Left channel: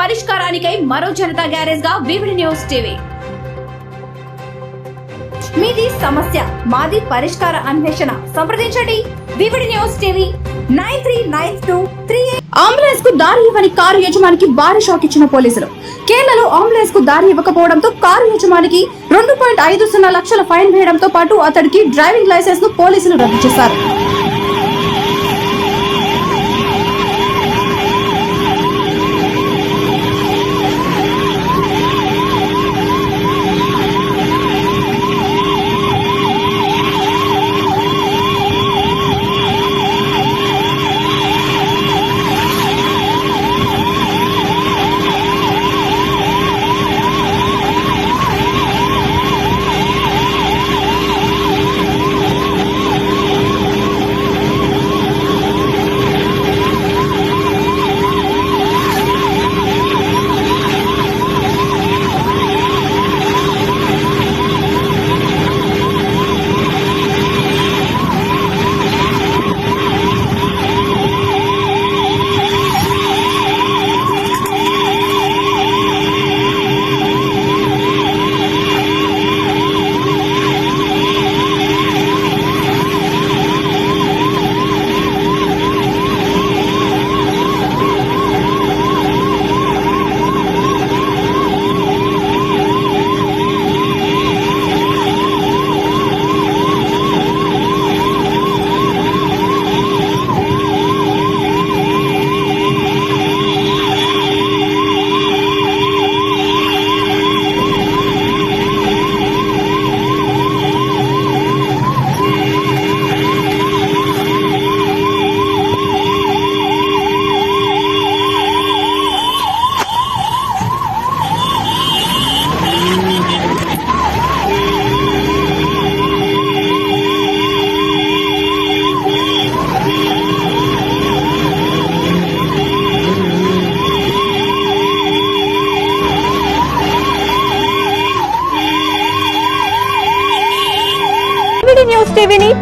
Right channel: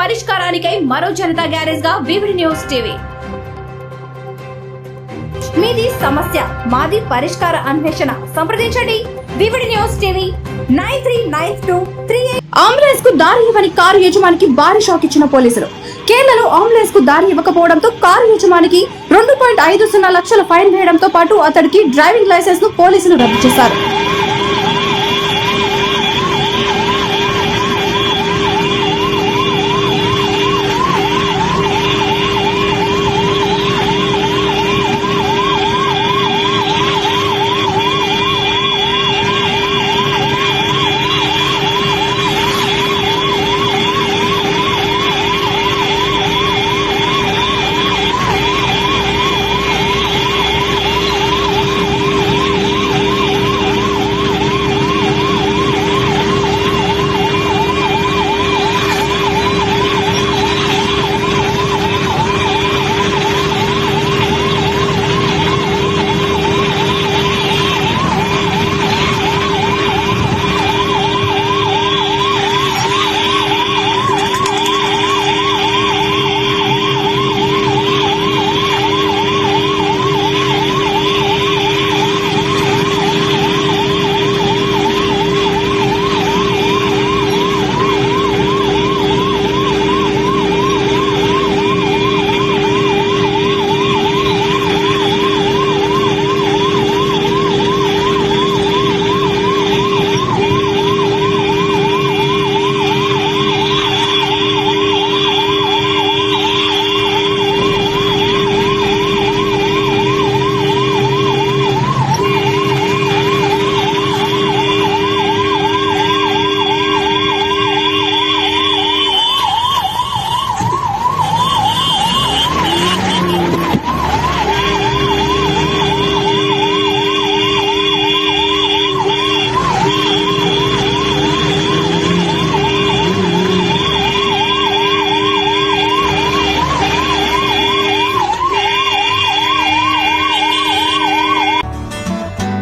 పరిష్కారానికై మరో జనతా గ్యారేజ్గా VVD news TV. మీది సమస్య మాది పరిష్కార అన్వేషణ. సంప్రదించండి. VVD news TV nine three nine two three అంబులెన్స్కు దారి ఇవ్వని కారు యజమానికి భారీ షాక్ ఇచ్చిన పోలీసులు. కేరళలో అంబులెన్స్కు దారి ఇవ్వకపోవడంతో కారు యజమానికి రెండు పాయింట్ ఐదు సున్నా లక్షల ఫైన్ వేయడంతో పాటు అతడికి డ్రైవింగ్ లైసెన్స్ను పోలీసులు రద్దు చేశారు.